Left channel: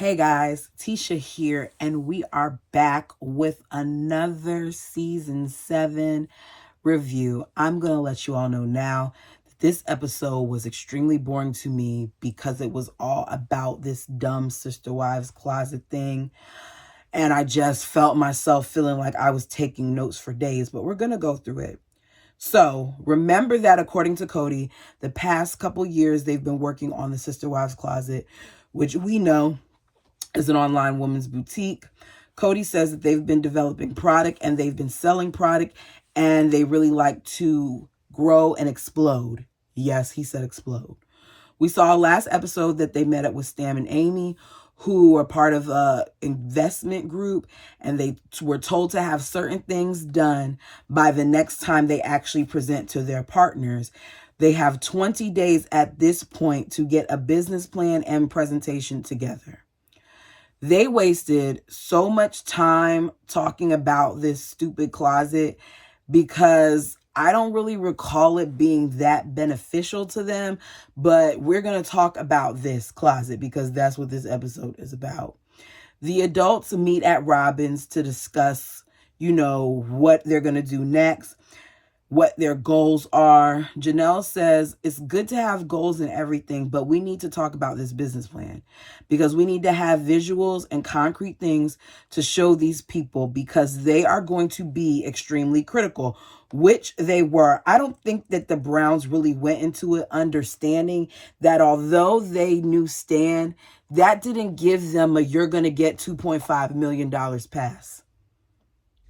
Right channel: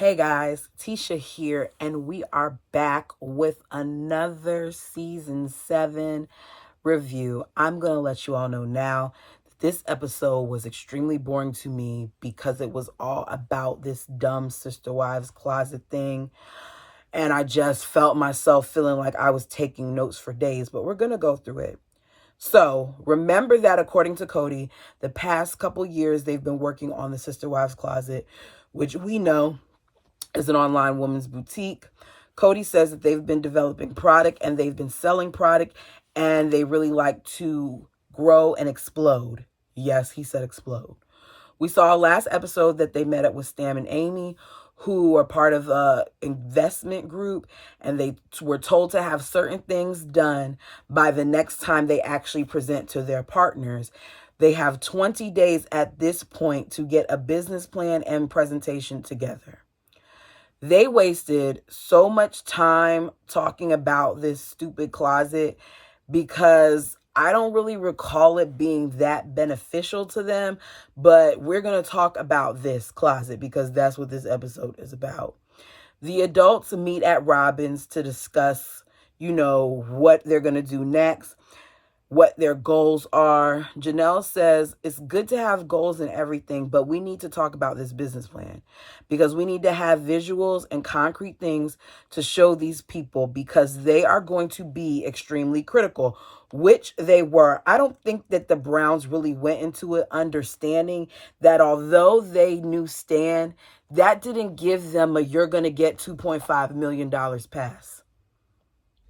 Hey guys, Tisha here, and we are back with another season 7 review. I'm going to let you all know now that this episode was extremely boring to me because it was all about this dumb Sister Wives Closet thing. And I just felt myself feeling like I was taking notes for days, but we're going to go through it. So remember that according to Cody, the past couple years they've been working on the Sister Wives Closet, which we know is an online women's boutique. Cody says that they've been developing product and they've been selling product and they really like to grow and explode. Yes, he said explode. We saw last episode that they met up with Stam and Amy, who are part of a investment group, and they were told to have certain things done by the next time they actually present to their partners. They have 20 days at this point to get a business plan and presentation together. They wasted so much time talking about this stupid closet because I don't really recall it being that beneficial to them, but we're going to talk about this closet because that's what this episode is about. The adults meet at Robyn's to discuss, what they're going to do next, what their goals are. Janelle says it's good to have goals and everything, but we need to talk about this business plan because we need to have visuals and concrete things to show these people because they are going to be extremely critical, which they were. I don't think that the Browns really went into it understanding that although they knew Stan, that didn't give them a you're going to get $2.5 million pass,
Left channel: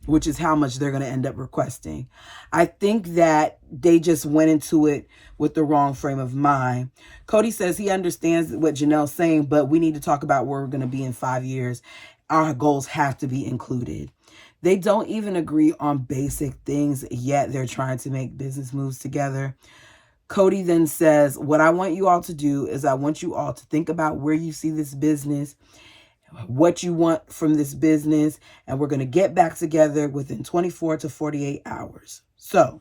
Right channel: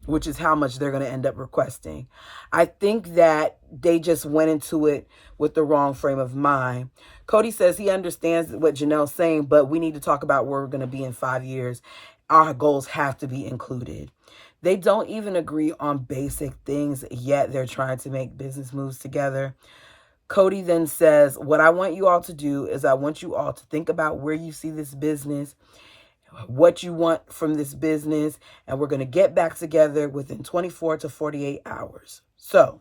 which is how much they're going to end up requesting. I think that they just went into it with the wrong frame of mind. Cody says he understands what Janelle's saying, but we need to talk about where we're going to be in 5 years. Our goals have to be included. They don't even agree on basic things, yet they're trying to make business moves together. Cody then says, what I want you all to do is I want you all to think about where you see this business, what you want from this business, and we're going to get back together within 24 to 48 hours. So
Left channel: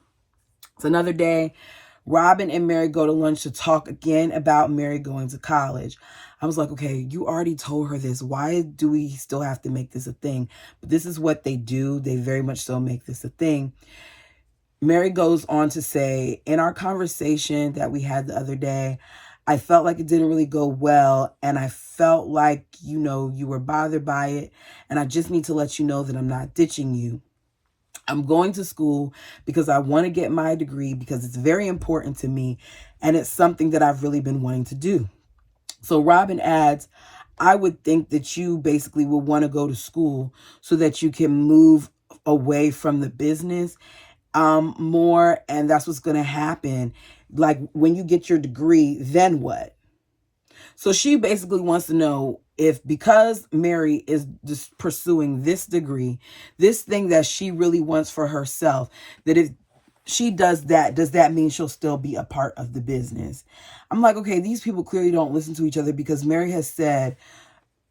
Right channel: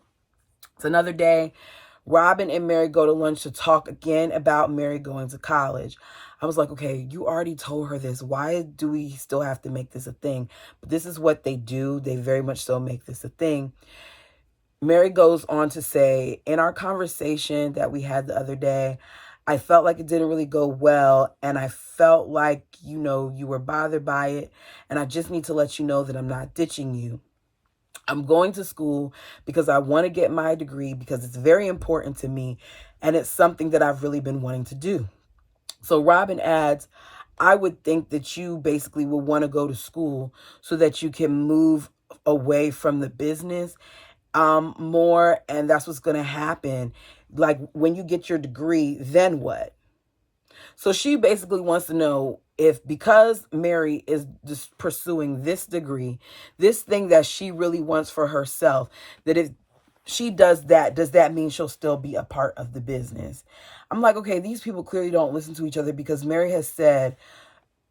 it's another day. Robyn and Meri go to lunch to talk again about Meri going to college. I was like, okay, you already told her this. Why do we still have to make this a thing? But this is what they do. They very much so make this a thing. Meri goes on to say, in our conversation that we had the other day, I felt like it didn't really go well, and I felt like, you were bothered by it, and I just need to let you know that I'm not ditching you. I'm going to school because I want to get my degree because it's very important to me, and it's something that I've really been wanting to do. So Robyn adds, I would think that you basically would want to go to school so that you can move away from the business more, and that's what's going to happen. Like when you get your degree, then what? So she basically wants to know if because Meri is just pursuing this degree, this thing that she really wants for herself, that if she does that, does that mean she'll still be a part of the business? I'm like, okay, these people clearly don't listen to each other because Meri has said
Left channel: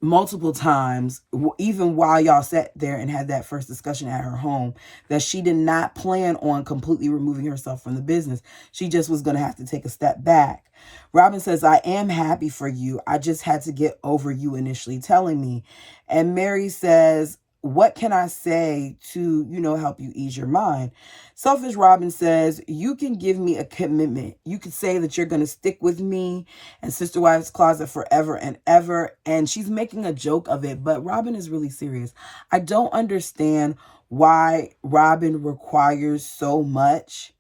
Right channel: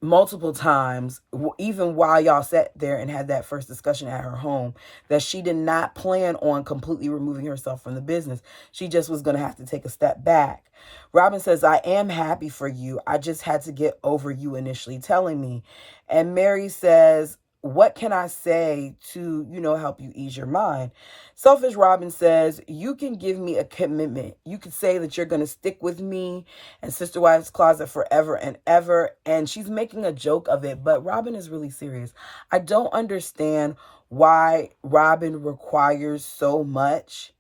multiple times, even while y'all sat there and had that first discussion at her home, that she did not plan on completely removing herself from the business. She just was going to have to take a step back. Robyn says, I am happy for you. I just had to get over you initially telling me. And Meri says, what can I say to, help you ease your mind? Selfish Robyn says, you can give me a commitment. You could say that you're going to stick with me and Sister Wives Closet forever and ever. And she's making a joke of it, but Robyn is really serious. I don't understand why Robyn requires so much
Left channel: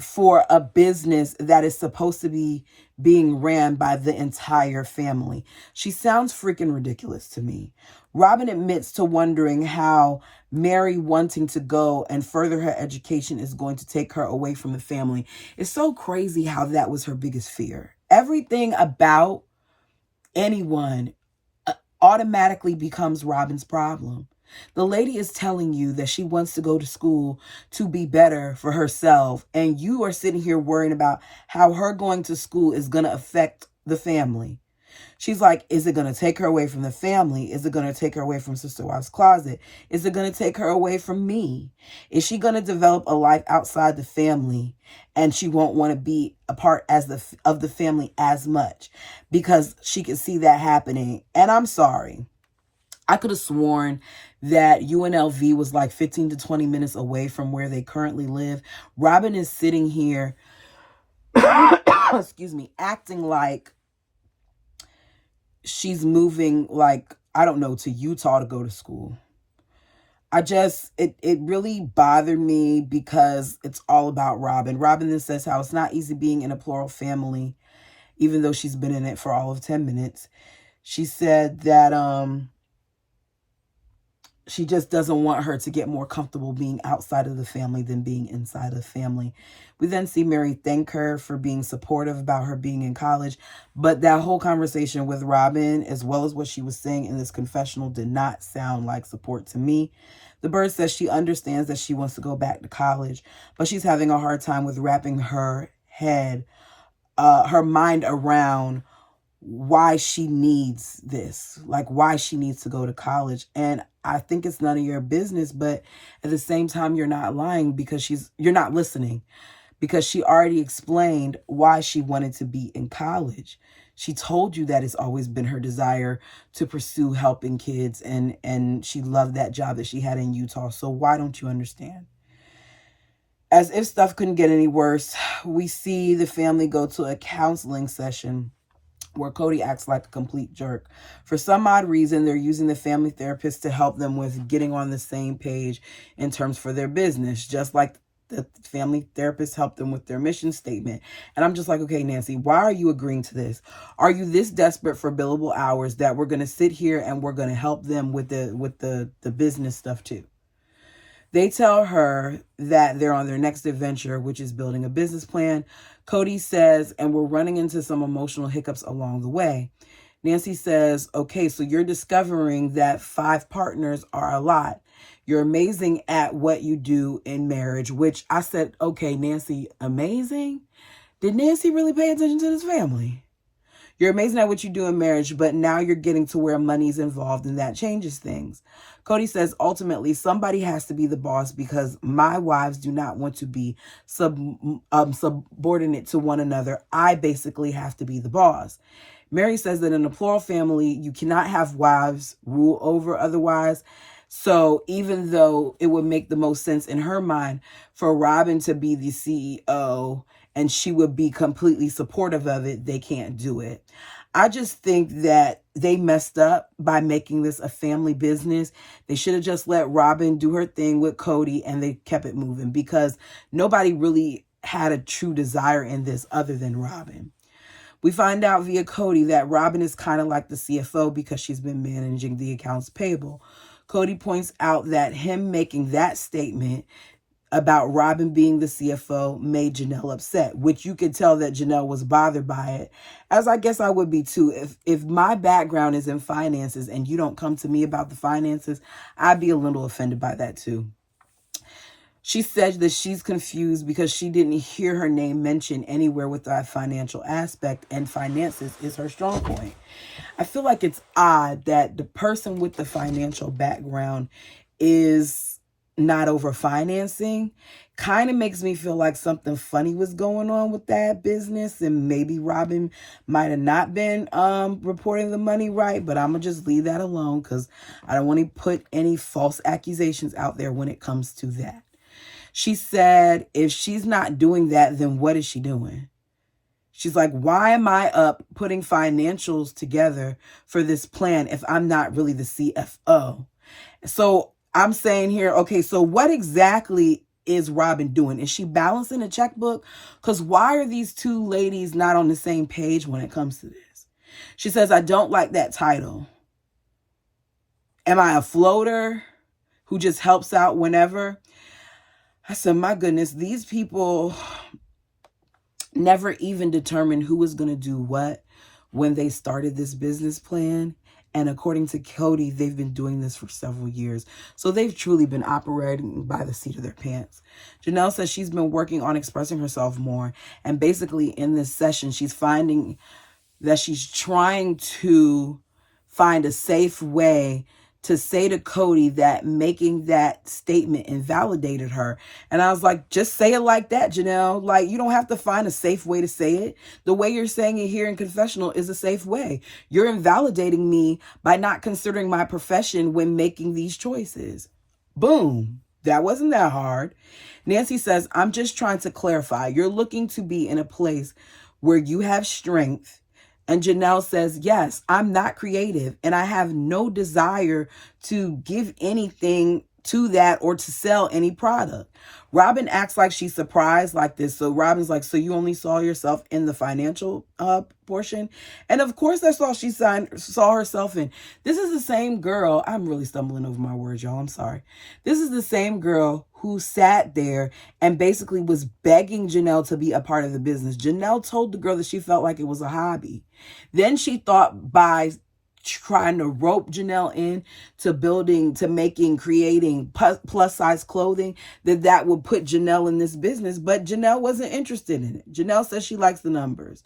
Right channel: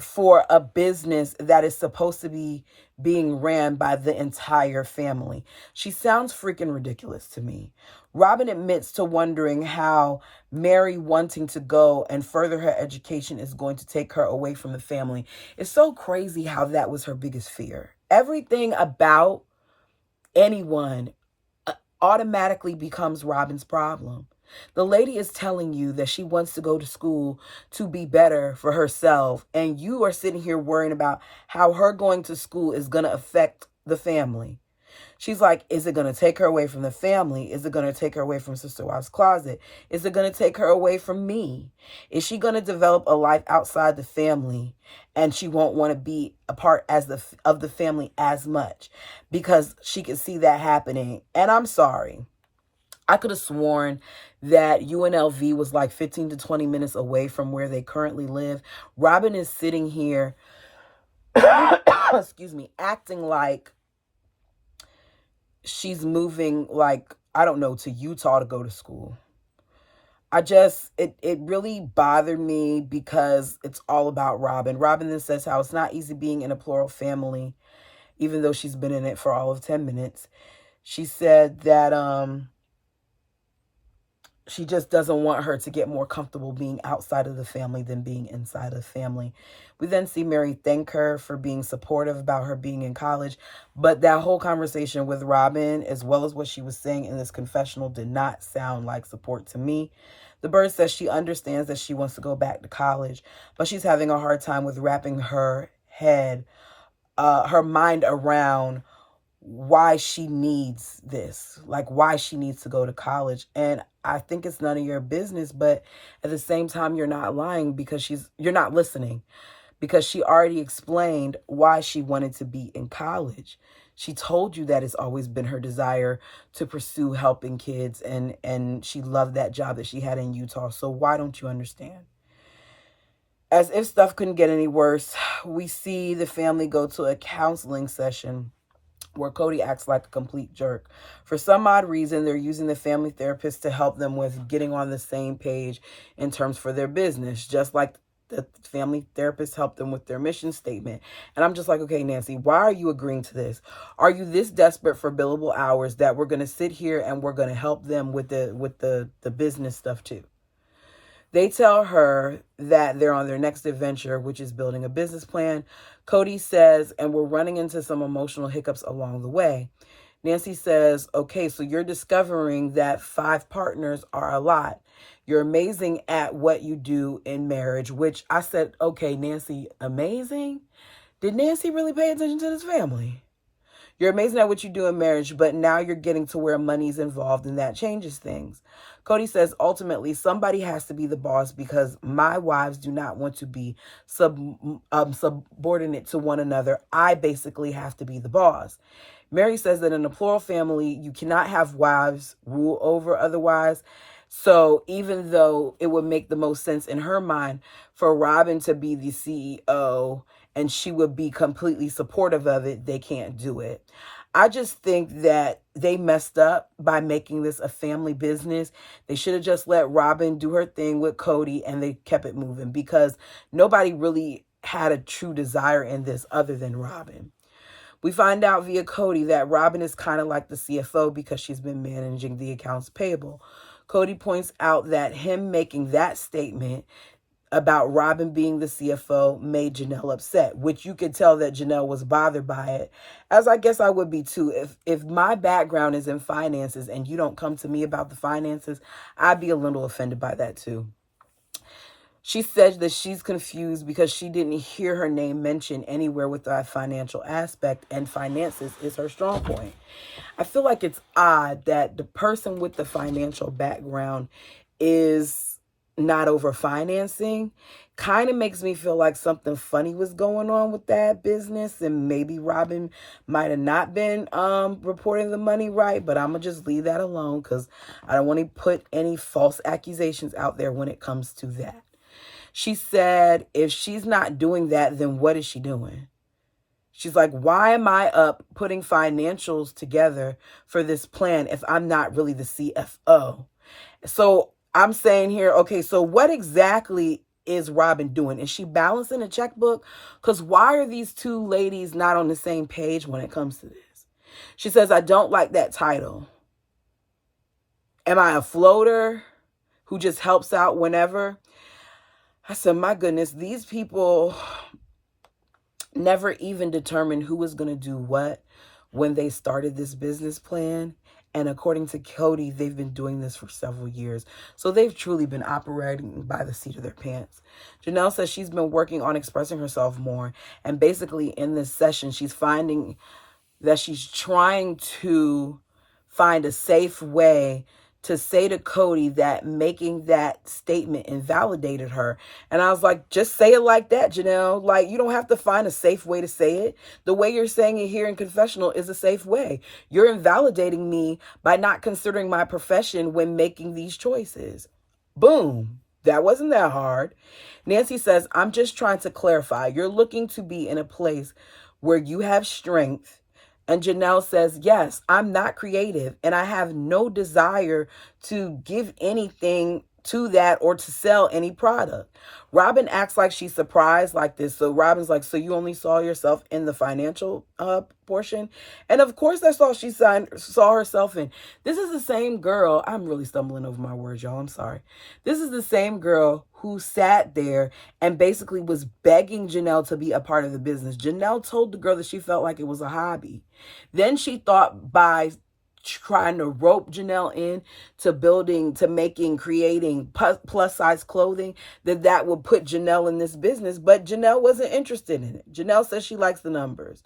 for a business that is supposed to be being ran by the entire family. She sounds freaking ridiculous to me. Robyn admits to wondering how Meri wanting to go and further her education is going to take her away from the family. It's so crazy how that was her biggest fear. Everything about anyone automatically becomes Robyn's problem. The lady is telling you that she wants to go to school to be better for herself, and you are sitting here worrying about how her going to school is going to affect the family. She's like, is it going to take her away from the family? Is it going to take her away from Sister Wives Closet? Is it going to take her away from me? Is she going to develop a life outside the family and she won't want to be a part of the family as much because she can see that happening? And I'm sorry. I could have sworn that UNLV was like 15 to 20 minutes away from where they currently live. Robyn is sitting here, excuse me, acting like she's moving, like, I don't know, to Utah to go to school. It really bothered me because it's all about Robyn. Robyn then says how it's not easy being in a plural family, even though she's been in it for all of 10 minutes. She said that she just doesn't want her to get more comfortable being outside of the family than being inside of the family. We then see Meri thank her for being supportive about her being in college. But that whole conversation with Robyn, as well as what she was saying in this confessional, did not sound like support to me. The Bird says she understands that she wants to go back to college, but she's having a hard time with wrapping her mind around why she needs this, like why she needs to go to college. And I think it's none of your business, but at the same time, you're not lying because you're not listening, because she already explained why she wanted to be in college. She told you that it's always been her desire to pursue helping kids, and she loved that job that she had in Utah. So why don't you understand? As if stuff couldn't get any worse, we see the family go to a counseling session where Kody acts like a complete jerk. For some odd reason, they're using the family therapist to help them with getting on the same page in terms for their business, just like the family therapist helped them with their mission statement. And I'm just like, okay, Nancy, why are you agreeing to this? Are you this desperate for billable hours that we're going to sit here and we're going to help them with the business stuff too? They tell her that they're on their next adventure, which is building a business plan. Kody says, and we're running into some emotional hiccups along the way. Nancy says, okay, so you're discovering that 5 partners are a lot. You're amazing at what you do in marriage, which I said, okay, Nancy, amazing? Did Nancy really pay attention to this family? You're amazing at what you do in marriage, but now you're getting to where money's involved and that changes things. Kody says, ultimately, somebody has to be the boss because my wives do not want to be subordinate to one another. I basically have to be the boss. Meri says that in a plural family, you cannot have wives rule over other wives. So even though it would make the most sense in her mind for Robyn to be the CEO and she would be completely supportive of it, they can't do it. I just think that they messed up by making this a family business. They should have just let Robyn do her thing with Kody and they kept it moving because nobody really had a true desire in this other than Robyn. We find out via Kody that Robyn is kind of like the CFO because she's been managing the accounts payable. Kody points out that him making that statement about Robyn being the CFO made Janelle upset, which you could tell that Janelle was bothered by it, as I guess I would be too. If my background is in finances and you don't come to me about the finances, I'd be a little offended by that too. She said that she's confused because she didn't hear her name mentioned anywhere with that financial aspect, and finances is her strong point. I feel like it's odd that the person with the financial background is not over financing. Kind of makes me feel like something funny was going on with that business, and maybe Robyn might have not been reporting the money right, but I'm gonna just leave that alone because I don't want to put any false accusations out there when it comes to that. She said if she's not doing that, then what is she doing? She's like, why am I up putting financials together for this plan if I'm not really the CFO? So I'm saying here, okay, so what exactly is Robyn doing? Is she balancing a checkbook? Because why are these two ladies not on the same page when it comes to this? She says, I don't like that title. Am I a floater who just helps out whenever? I said, my goodness, these people never even determined who was going to do what when they started this business plan. And according to Kody, they've been doing this for several years. So they've truly been operating by the seat of their pants. Janelle says she's been working on expressing herself more. And basically in this session, she's finding that she's trying to find a safe way to say to Cody that making that statement invalidated her. And I was like, just say it like that, Janelle. Like, you don't have to find a safe way to say it. The way you're saying it here in confessional is a safe way. You're invalidating me by not considering my profession when making these choices. Boom. That wasn't that hard. Nancy says, I'm just trying to clarify. You're looking to be in a place where you have strength. And Janelle says, yes, I'm not creative and I have no desire to give anything to that or to sell any product. Robyn acts like she's surprised like this. So Robyn's like, so you only saw yourself in the financial portion? And of course, that's all she saw herself in. This is the same girl. I'm really stumbling over my words, y'all. I'm sorry. This is the same girl who sat there and basically was begging Janelle to be a part of the business. Janelle told the girl that she felt like it was a hobby. Then she thought by trying to rope Janelle in to creating plus size clothing, that would put Janelle in this business. But Janelle wasn't interested in it. Janelle says she likes the numbers.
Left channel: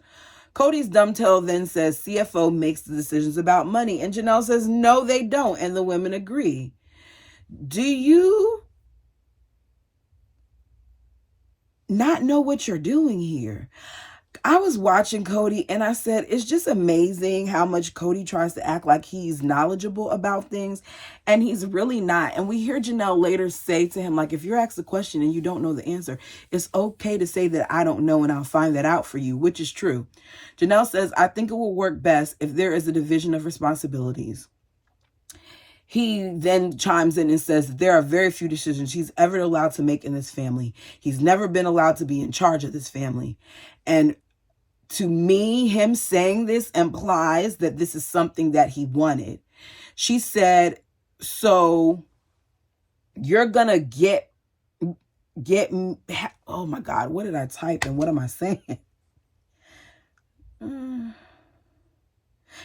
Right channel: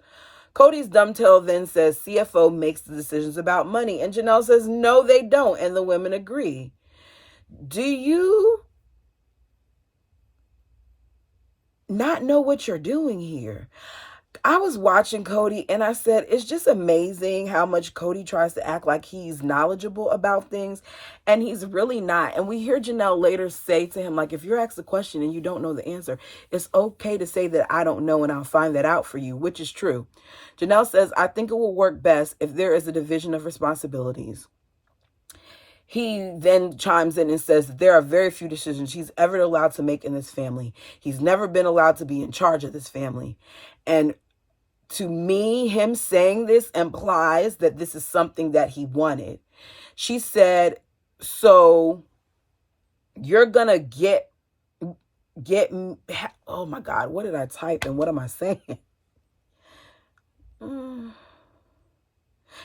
Cody's dumbtail then says CFO makes the decisions about money. And Janelle says, no, they don't. And the women agree. Do you not know what you're doing here? I was watching Cody and I said, it's just amazing how much Cody tries to act like he's knowledgeable about things, and he's really not. And we hear Janelle later say to him, like, if you're asked a question and you don't know the answer, it's okay to say that I don't know and I'll find that out for you, which is true. Janelle says, I think it will work best if there is a division of responsibilities. He then chimes in and says there are very few decisions he's ever allowed to make in this family. He's never been allowed to be in charge of this family. And to me, him saying this implies that this is something that he wanted. She said, so you're going to get, oh my God, what did I type and what am I saying?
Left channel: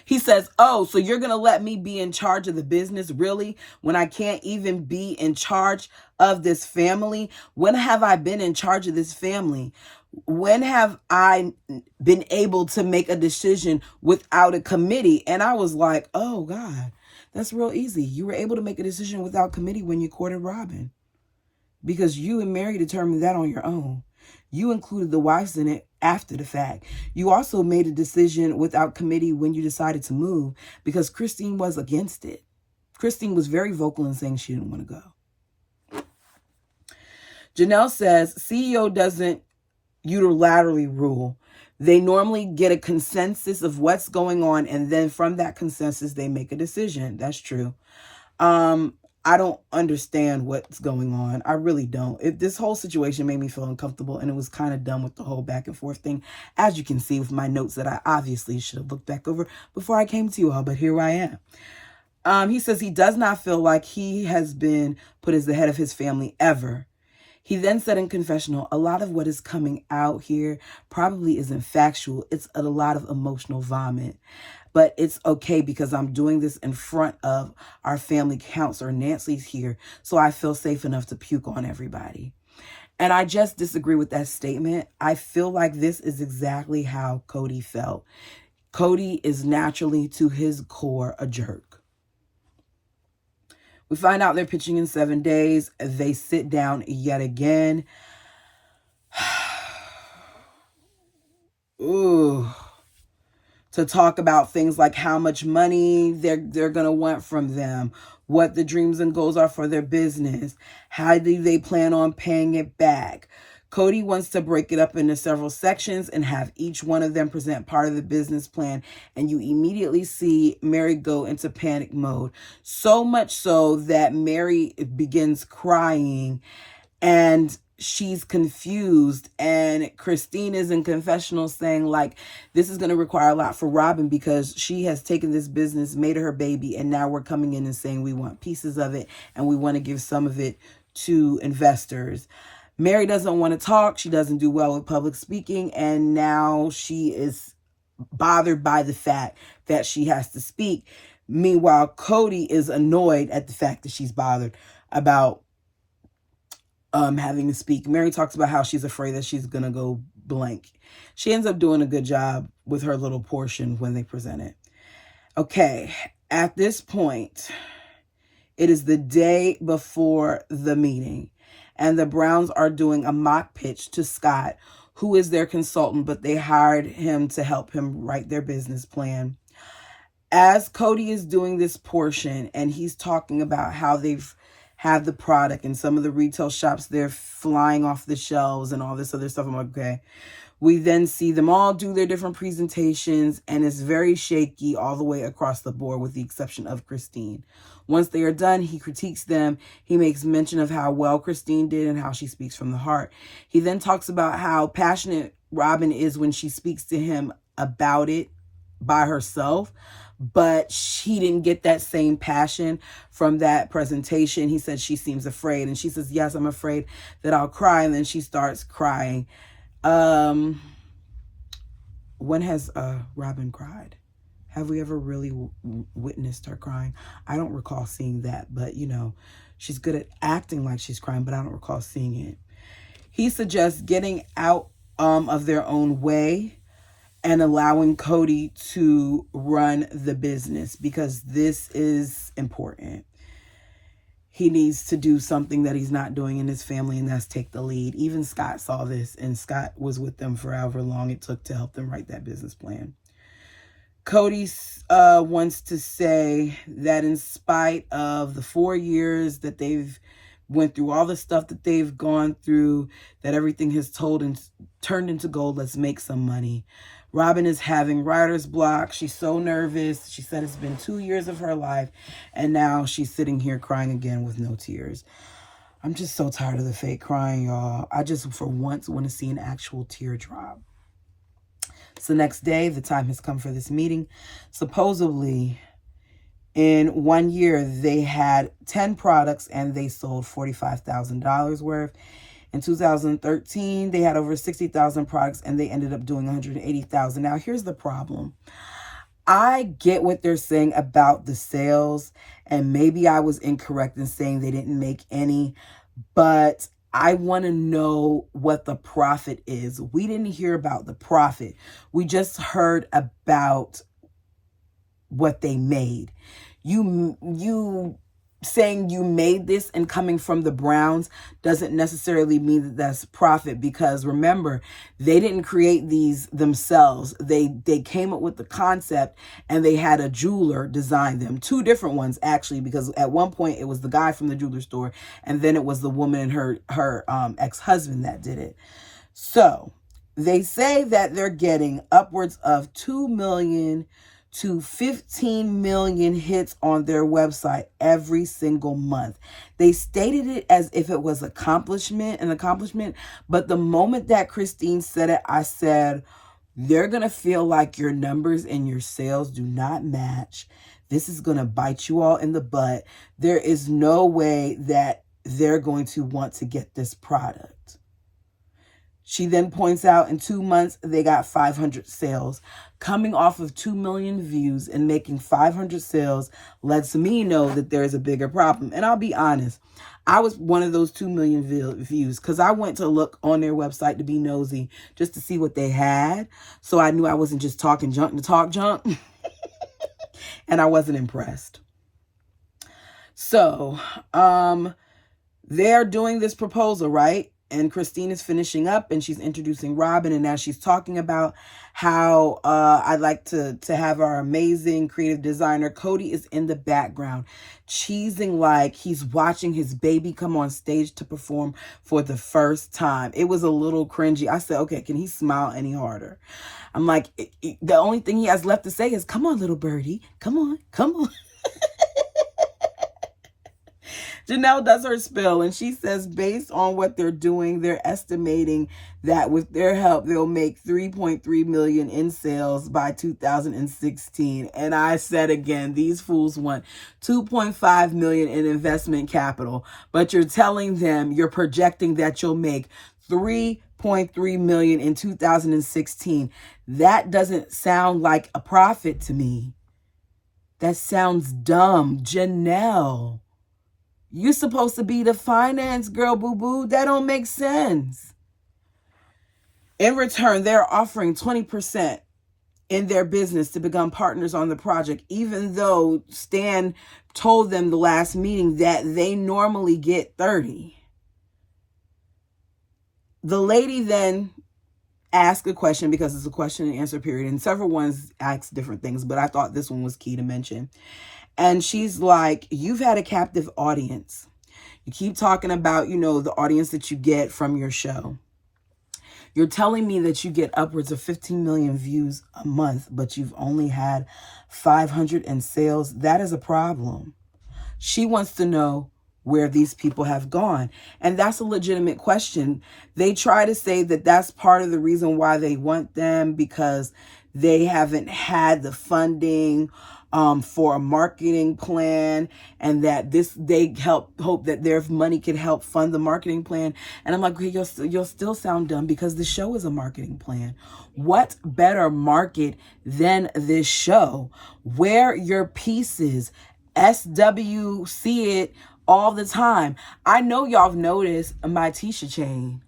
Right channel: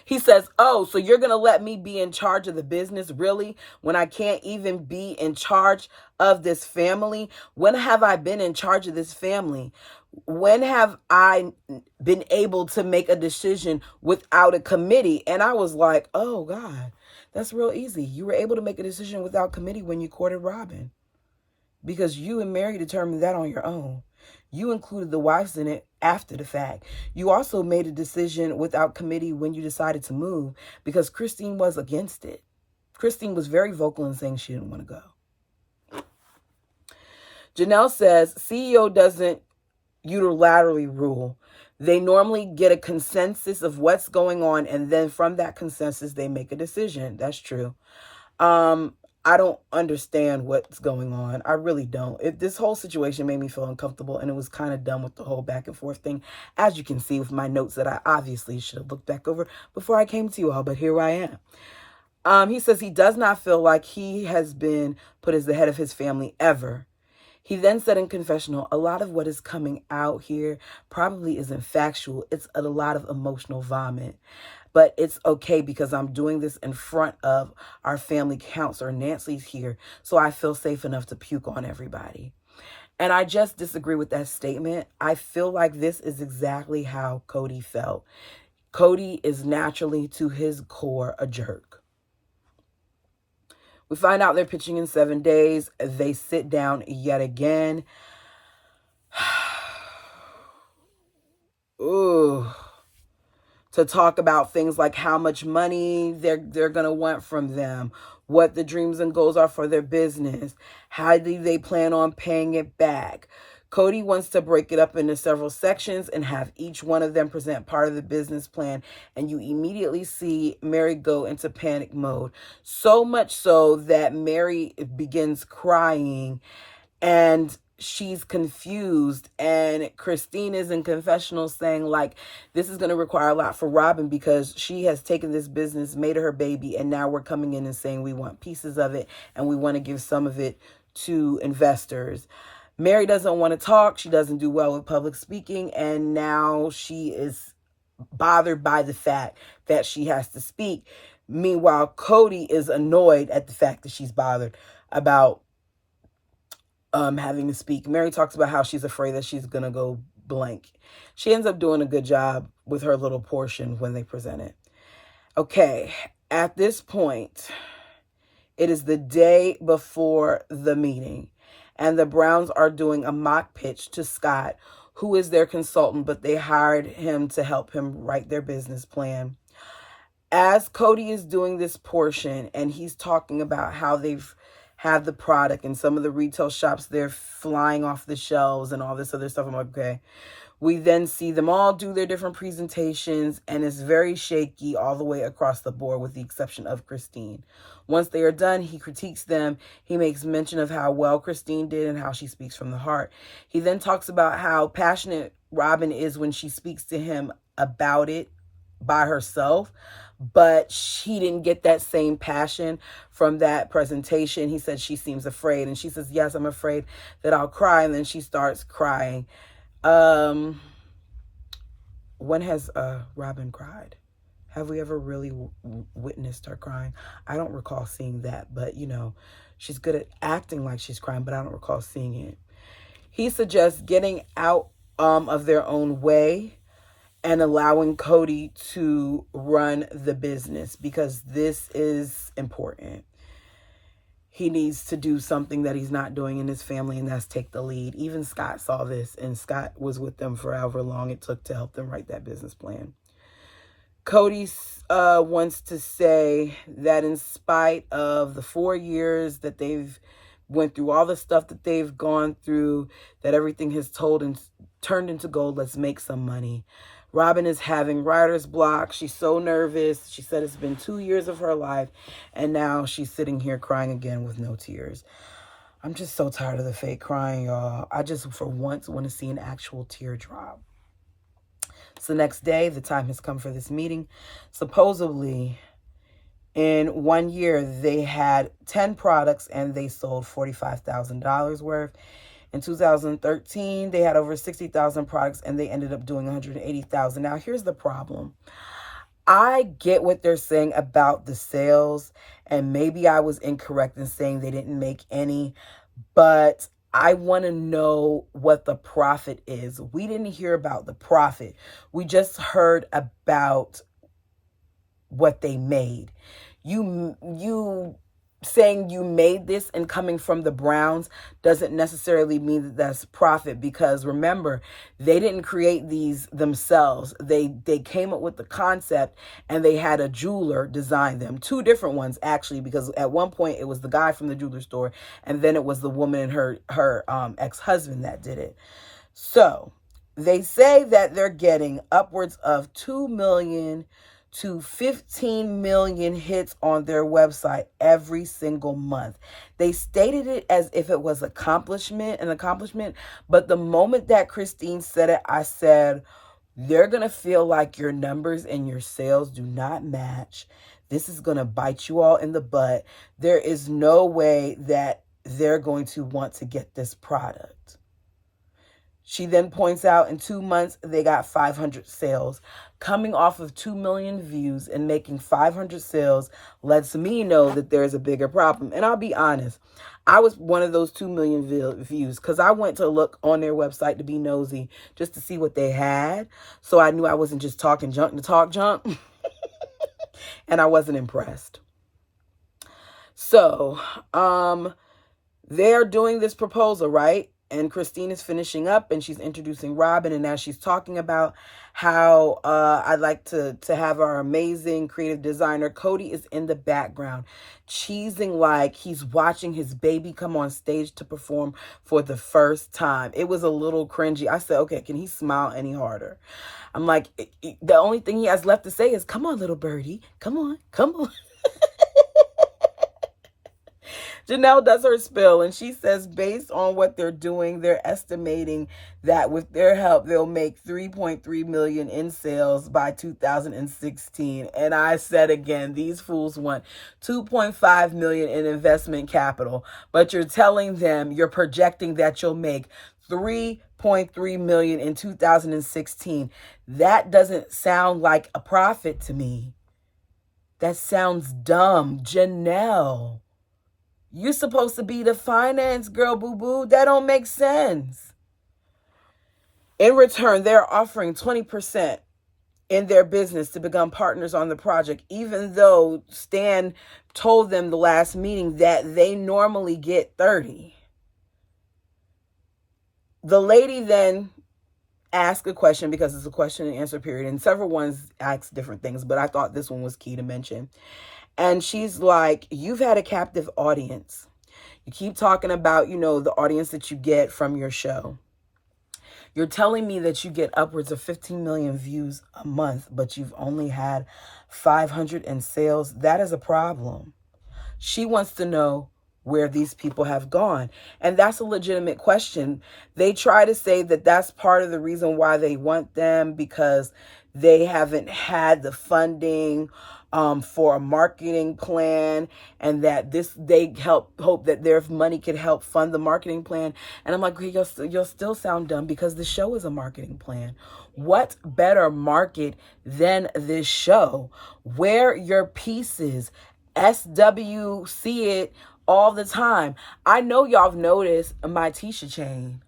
He says, oh, so you're going to let me be in charge of the business, really? When I can't even be in charge of this family? When have I been in charge of this family? When have I been able to make a decision without a committee? And I was like, oh God, that's real easy. You were able to make a decision without committee when you courted Robyn, because you and Meri determined that on your own. You included the wives in it after the fact. You also made a decision without committee when you decided to move, because Christine was against it. Christine was very vocal in saying she didn't want to go. Janelle says CEO doesn't unilaterally rule. They normally get a consensus of what's going on, and then from that consensus they make a decision. That's true. I don't understand what's going on. I really don't. This whole situation made me feel uncomfortable, and it was kind of done with the whole back and forth thing, as you can see with my notes that I obviously should have looked back over before I came to you all, but here I am. He says he does not feel like he has been put as the head of his family ever. He then said in confessional, a lot of what is coming out here probably isn't factual. It's a lot of emotional vomit. But it's okay because I'm doing this in front of our family counselor. Nancy's here, so I feel safe enough to puke on everybody. And I just disagree with that statement. I feel like this is exactly how Cody felt. Cody is naturally, to his core, a jerk. We find out they're pitching in 7 days. They sit down yet again. Ooh. To talk about things like how much money they're going to want from them, what the dreams and goals are for their business, how do they plan on paying it back. Cody wants to break it up into several sections and have each one of them present part of the business plan. And you immediately see Meri go into panic mode. So much so that Meri begins crying and she's confused. And Christine is in confessional saying, like, this is going to require a lot for Robyn because she has taken this business, made it her baby, and now we're coming in and saying we want pieces of it and we want to give some of it to investors. Meri doesn't want to talk. She doesn't do well with public speaking. And now she is bothered by the fact that she has to speak. Meanwhile, Cody is annoyed at the fact that she's bothered about having to speak. Meri talks about how she's afraid that she's going to go blank. She ends up doing a good job with her little portion when they present it. Okay, at this point, it is the day before the meeting, and the Browns are doing a mock pitch to Scott, who is their consultant, but they hired him to help him write their business plan. As Cody is doing this portion and he's talking about how they've had the product and some of the retail shops, they're flying off the shelves and all this other stuff. I'm like, okay. We then see them all do their different presentations, and it's very shaky all the way across the board with the exception of Christine. Once they are done, he critiques them. He makes mention of how well Christine did and how she speaks from the heart. He then talks about how passionate Robyn is when she speaks to him about it by herself, but she didn't get that same passion from that presentation. He said she seems afraid, and she says, yes, I'm afraid that I'll cry, and then she starts crying. When has Robyn cried? Have we ever really witnessed her crying? I don't recall seeing that, but you know, she's good at acting like she's crying, but I don't recall seeing it. He suggests getting out of their own way and allowing Cody to run the business because this is important. He needs to do something that he's not doing in his family, and that's take the lead. Even Scott saw this, and Scott was with them for however long it took to help them write that business plan. Cody wants to say that in spite of the 4 years that they've went through, all the stuff that they've gone through, that everything has turned into gold, let's make some money. Robyn is having writer's block. She's so nervous. She said it's been 2 years of her life, and now she's sitting here crying again with no tears. I'm just so tired of the fake crying, y'all. I just, for once, want to see an actual teardrop. So next day, the time has come for this meeting. Supposedly, in 1 year, they had 10 products, and they sold $45,000 worth. In 2013, they had over 60,000 products, and they ended up doing 180,000. Now, here's the problem. I get what they're saying about the sales, and maybe I was incorrect in saying they didn't make any, but I want to know what the profit is. We didn't hear about the profit. We just heard about what they made. You saying you made this and coming from the Browns doesn't necessarily mean that that's profit, because remember, they didn't create these themselves. They came up with the concept, and they had a jeweler design them. 2 different ones, actually, because at one point it was the guy from the jeweler store, and then it was the woman and her ex-husband that did it. So they say that they're getting upwards of 2 million to 15 million hits on their website every single month. They stated it as if it was an accomplishment, but the moment that Christine said it, I said, they're going to feel like your numbers and your sales do not match. This is going to bite you all in the butt. There is no way that they're going to want to get this product. She then points out in 2 months, they got 500 sales. Coming off of 2 million views and making 500 sales lets me know that there's a bigger problem. And I'll be honest, I was one of those 2 million views because I went to look on their website to be nosy just to see what they had. So I knew I wasn't just talking junk to talk junk. And I wasn't impressed. So they're doing this proposal, right? And Christine is finishing up, and she's introducing Robyn, and now she's talking about how I'd like to have our amazing creative designer. Cody is in the background, cheesing like he's watching his baby come on stage to perform for the first time. It was a little cringy. I said, okay, can he smile any harder? I'm like, the only thing he has left to say is, come on, little birdie. Come on, come on. Janelle does her spill, and she says, based on what they're doing, they're estimating that with their help, they'll make 3.3 million in sales by 2016. And I said again, these fools want 2.5 million in investment capital, but you're telling them, you're projecting that you'll make 3.3 million in 2016. That doesn't sound like a profit to me. That sounds dumb. Janelle, you're supposed to be the finance girl, boo-boo. That don't make sense. In return, they're offering 20% in their business to become partners on the project, even though Stan told them the last meeting that they normally get 30. The lady then asked a question, because it's a question and answer period, and several ones asked different things, but I thought this one was key to mention. And she's like, you've had a captive audience. You keep talking about, the audience that you get from your show. You're telling me that you get upwards of 15 million views a month, but you've only had 500 in sales. That is a problem. She wants to know where these people have gone. And that's a legitimate question. They try to say that that's part of the reason why they want them, because they haven't had the funding for a marketing plan, and that they hope that their money could help fund the marketing plan. And I'm like, you'll still sound dumb, because the show is a marketing plan. What better market than this show? Wear your pieces. SWC it all the time. I know y'all have noticed my Tisha chain.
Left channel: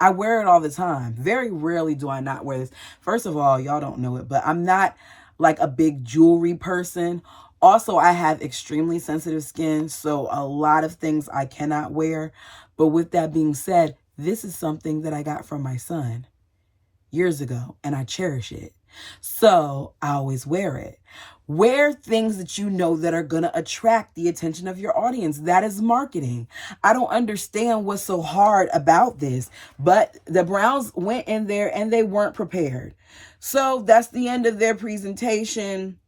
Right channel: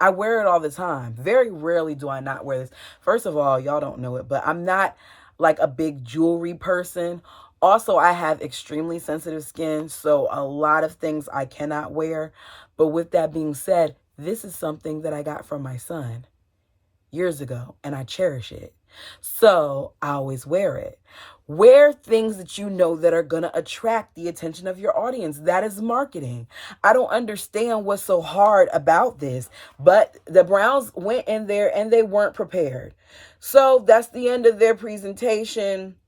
I wear it all the time. Very rarely do I not wear this. First of all, y'all don't know it, but I'm not like a big jewelry person. Also, I have extremely sensitive skin, so a lot of things I cannot wear. But with that being said, this is something that I got from my son years ago, and I cherish it. So I always wear it. Wear things that you know that are going to attract the attention of your audience. That is marketing. I don't understand what's so hard about this, but the Browns went in there and they weren't prepared. So that's the end of their presentation.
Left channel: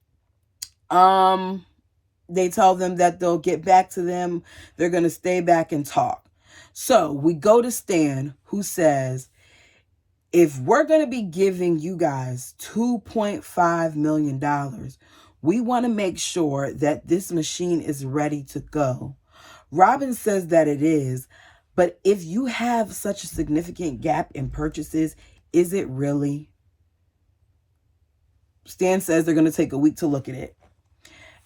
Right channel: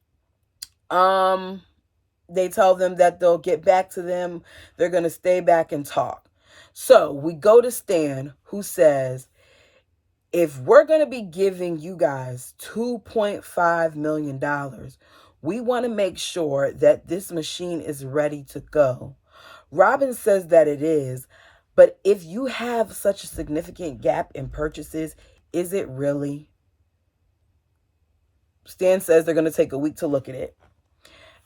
They tell them that they'll get back to them. They're going to stay back and talk. So we go to Stan, who says, if we're going to be giving you guys $2.5 million, we want to make sure that this machine is ready to go. Robyn says that it is, but if you have such a significant gap in purchases, is it really? Stan says they're going to take a week to look at it,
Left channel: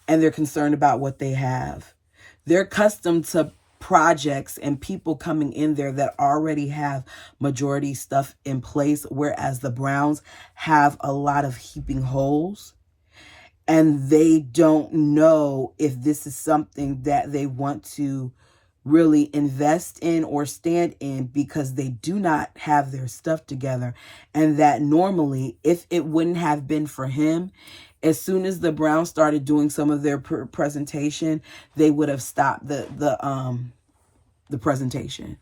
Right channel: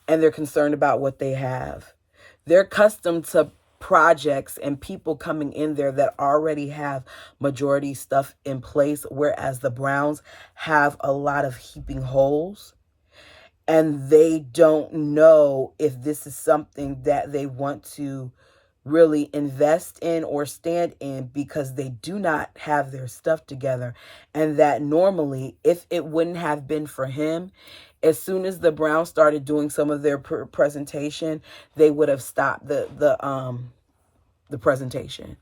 and they're concerned about what they have. They're accustomed to projects and people coming in there that already have majority stuff in place, whereas the Browns have a lot of heaping holes, and they don't know if this is something that they want to really invest in or stand in, because they do not have their stuff together. And that normally, if it wouldn't have been for him, as soon as the Browns started doing some of their presentation, they would have stopped the presentation.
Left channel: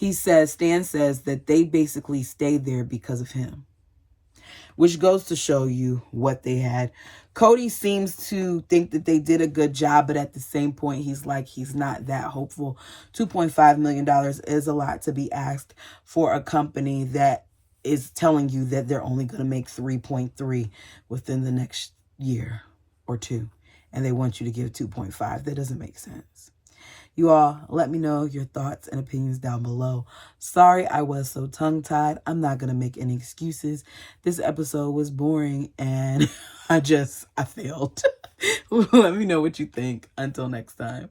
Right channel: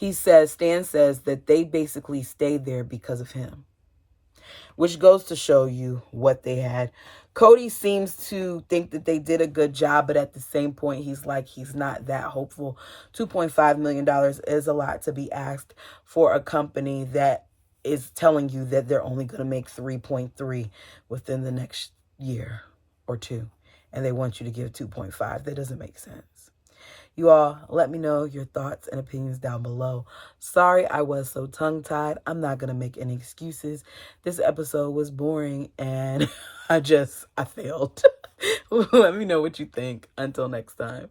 Stan says that they basically stayed there because of him, which goes to show you what they had. Cody seems to think that they did a good job, but at the same point, he's not that hopeful. $2.5 million is a lot to be asked for a company that is telling you that they're only going to make 3.3 within the next year or two, and they want you to give 2.5. That doesn't make sense. You all, let me know your thoughts and opinions down below. Sorry I was so tongue-tied. I'm not going to make any excuses. This episode was boring, and I failed. Let me know what you think. Until next time.